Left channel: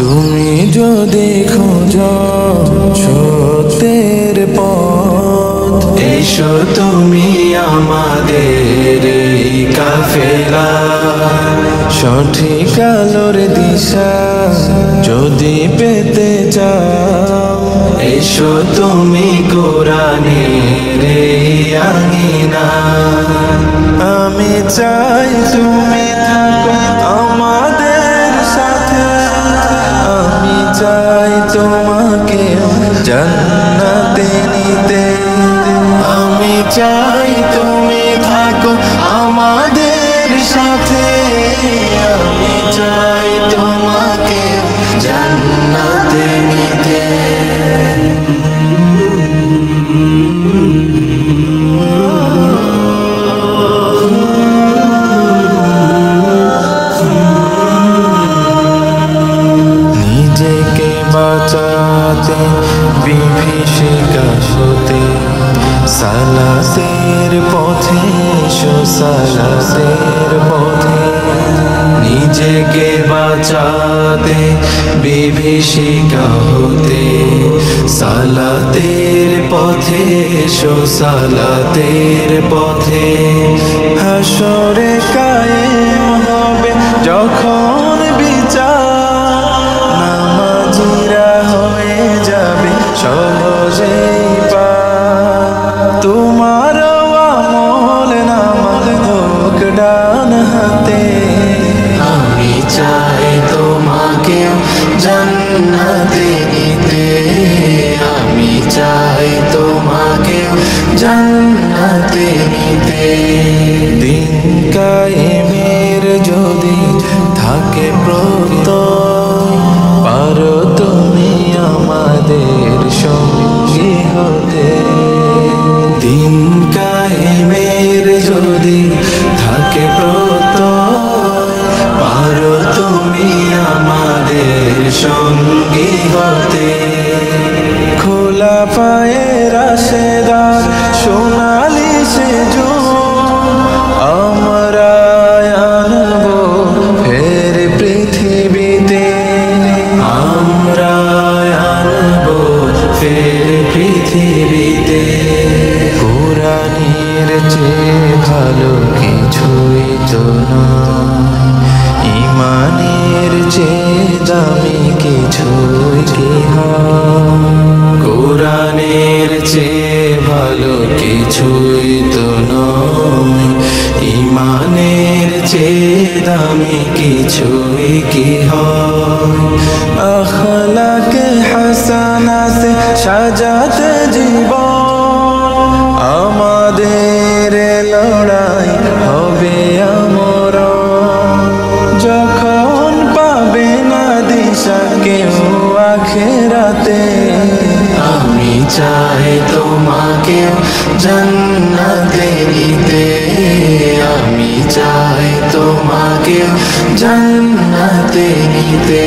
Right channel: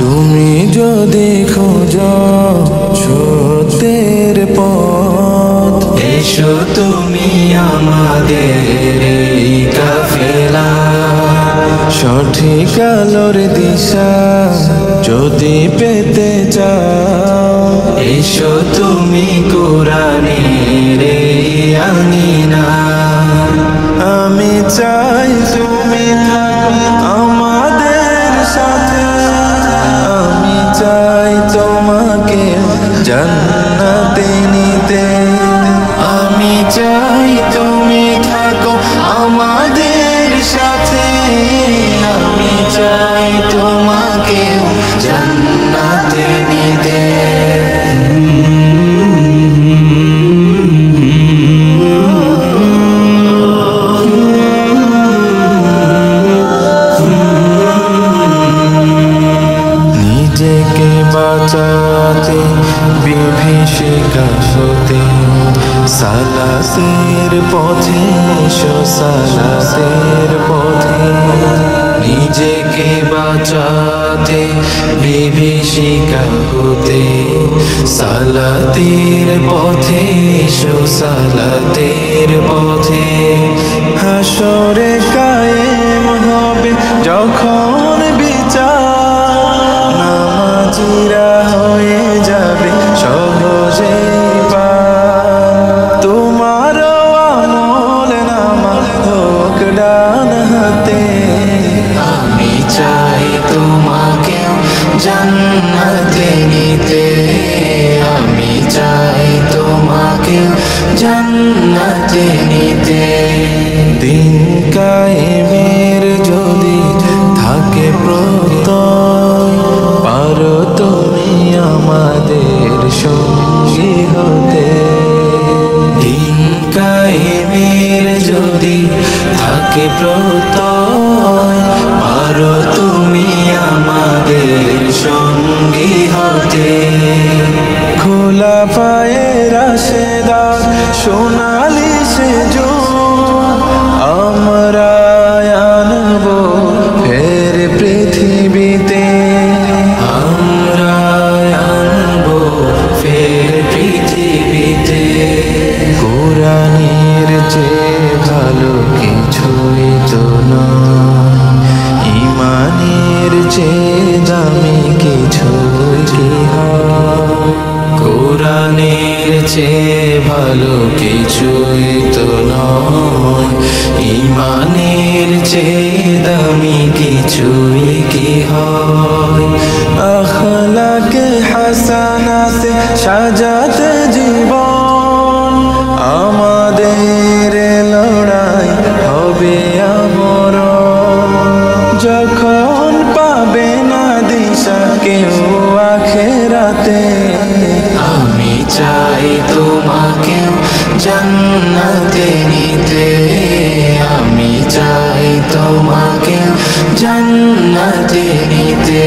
তুমি যদি খোঁজো সত্যের পথ, এসো তুমি আমাদের এই কাফেলা। সঠিক আলোর দিশা যদি পেতে চাও, এসো তুমি কোরআনের এই আঙিনা। আমি চাই তুমি থাকো আমাদের সাথে, আমি চাই তোমাকে জান্নাতে নিতে। আমি চাই তুমি থাকো আমাদের সাথে, আমি চাই তোমাকে জান্নাতে নিতে। নিজেকে বাঁচাতে বিভীষিকা হতে, সালাতের পথে এসো সালাতের পথে। নিজেকে বাঁচাতে বিভীষিকা হতে, সালাতের পথে এসো সালাতের পথে। হাসরে কায়েম হবে যখন বিচার, নামাজিরা হয়ে যাবে সহজেই পার। তোমার আমল নামা হোক ডান হাতে, আমি চাই তোমাকে জান্নাতে নিতে। আমি চাই তোমাকে জান্নাতে নিতে। দিন কায়েমের যদি থাকে প্রত্যয়, পারো তুমি আমাদের সঙ্গী হতে। দিন কায়েমের যদি থাকে প্রত্যয়, পারো তুমি আমাদের সঙ্গী হতে। খোলা পায়ে রাশেদার সোনালি সেজুদ, আমরা আনবো ফের পৃথিবীতে। আমরা আনবো ফের পৃথিবীতে। কোরআনের চেয়ে ভালো কিছুই তো নয়, ঈমানের চেয়ে দামি কিছুই কি হয়। কোরআনের চেয়ে ভালো কিছুই তো নয়, ঈমানের চেয়ে দামি কিছুই কি হয়। আখলাকে হাসানাতে সাজাতে জীবন, আমাদের লড়াই হবে আমরণ। যখন পাবে না দিশা কেউ আখেরাতে, আমি চাই তোমাকে জান্নাতে নিতে। আমি চাই তোমাকে জান্নাতে নিতে।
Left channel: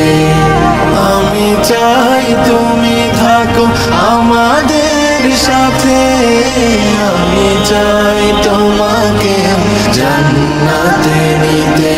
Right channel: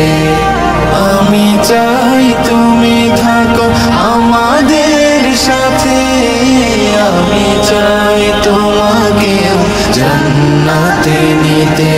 আমি চাই তুমি থাকো আমাদের সাথে, আমি চাই তোমাকে জান্নাতে নিতে।